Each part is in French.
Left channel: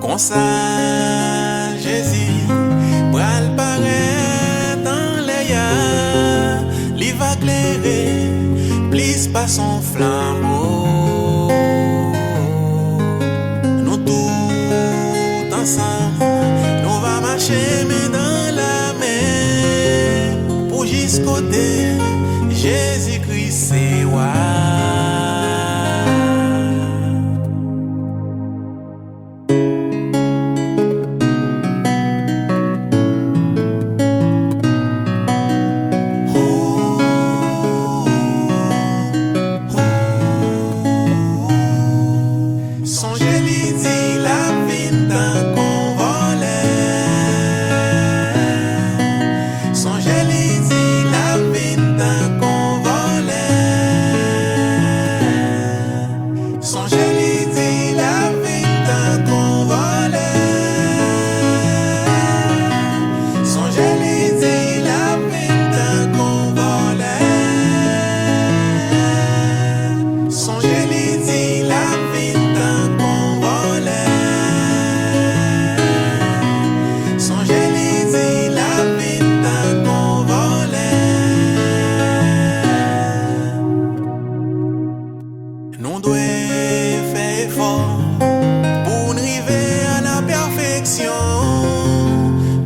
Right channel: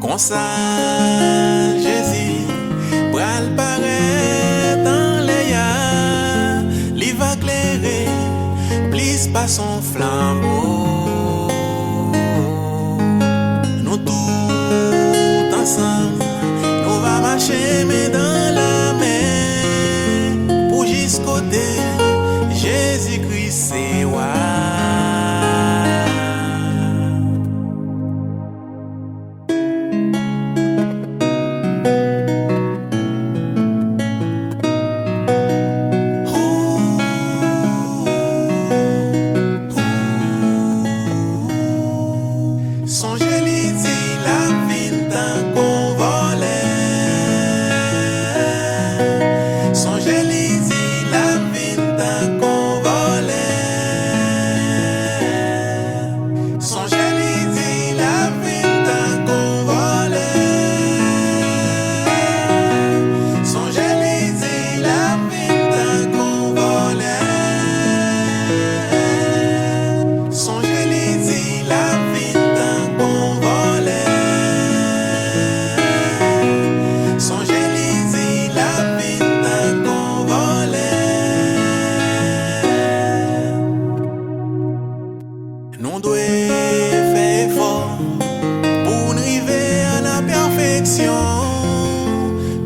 Comme ça, Jésus, pral paraît dans les airs, il va éclairer, plus par son flambeau. Nous tous ensemble, nous va marcher main dans la main, pour jusqu'au côté, Jésus-Christ c'est roi. Songez l'idée, la vie d'un convolet. Songez l'idée, la vie d'un convolet. Songez l'idée, la vie d'un convolet. Songez l'idée, la vie d'un convolet. Songez l'idée, la vie d'un convolet. Songez l'idée, la vie d'un convolet. Nous devons faire effort pour nous arriver à la perfection.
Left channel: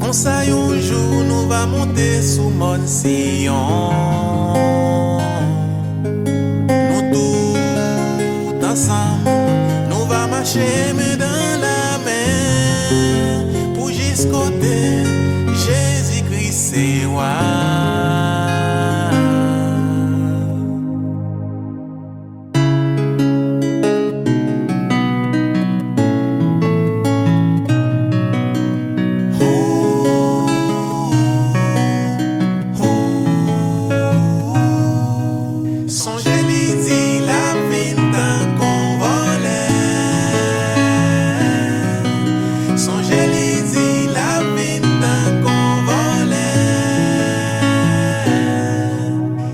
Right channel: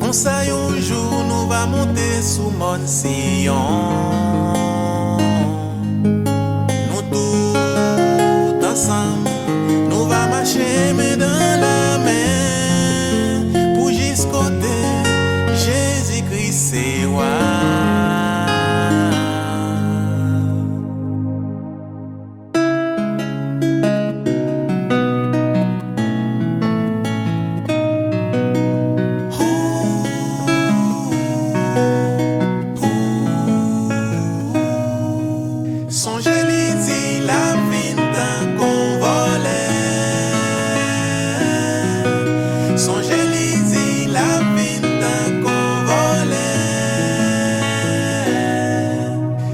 Comme ça, un jour, nous va monter sous mon sillon. Nous tous ensemble, nous va marcher main dans la main, pour jusqu'au côté, Jésus-Christ c'est roi. Songez l'idée, la vie d'un convolet. Songez l'idée, la vie d'un convolet.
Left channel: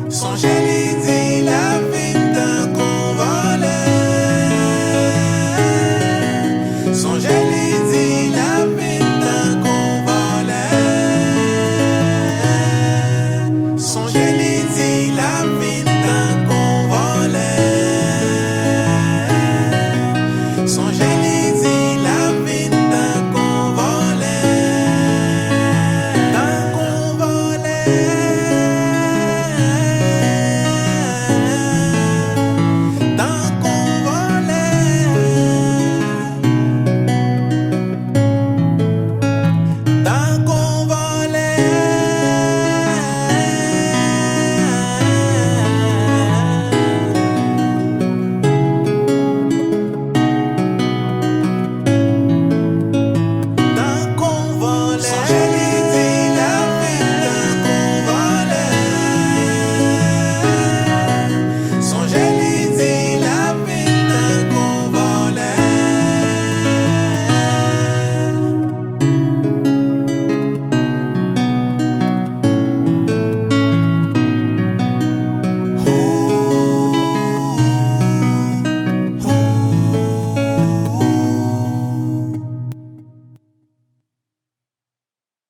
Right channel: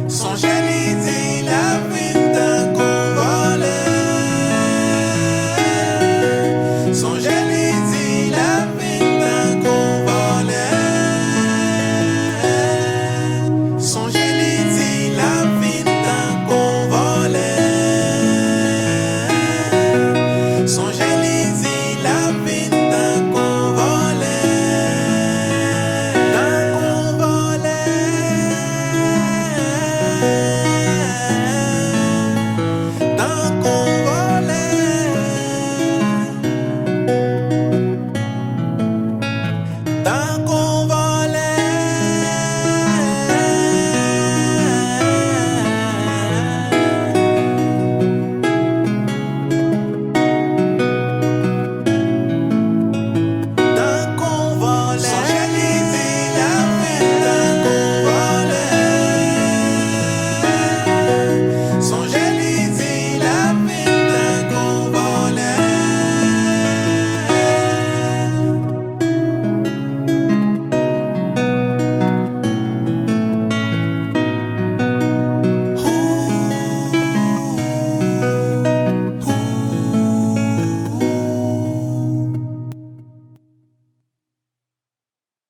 Songez l'idée, la vie d'un convolet. Songez l'idée.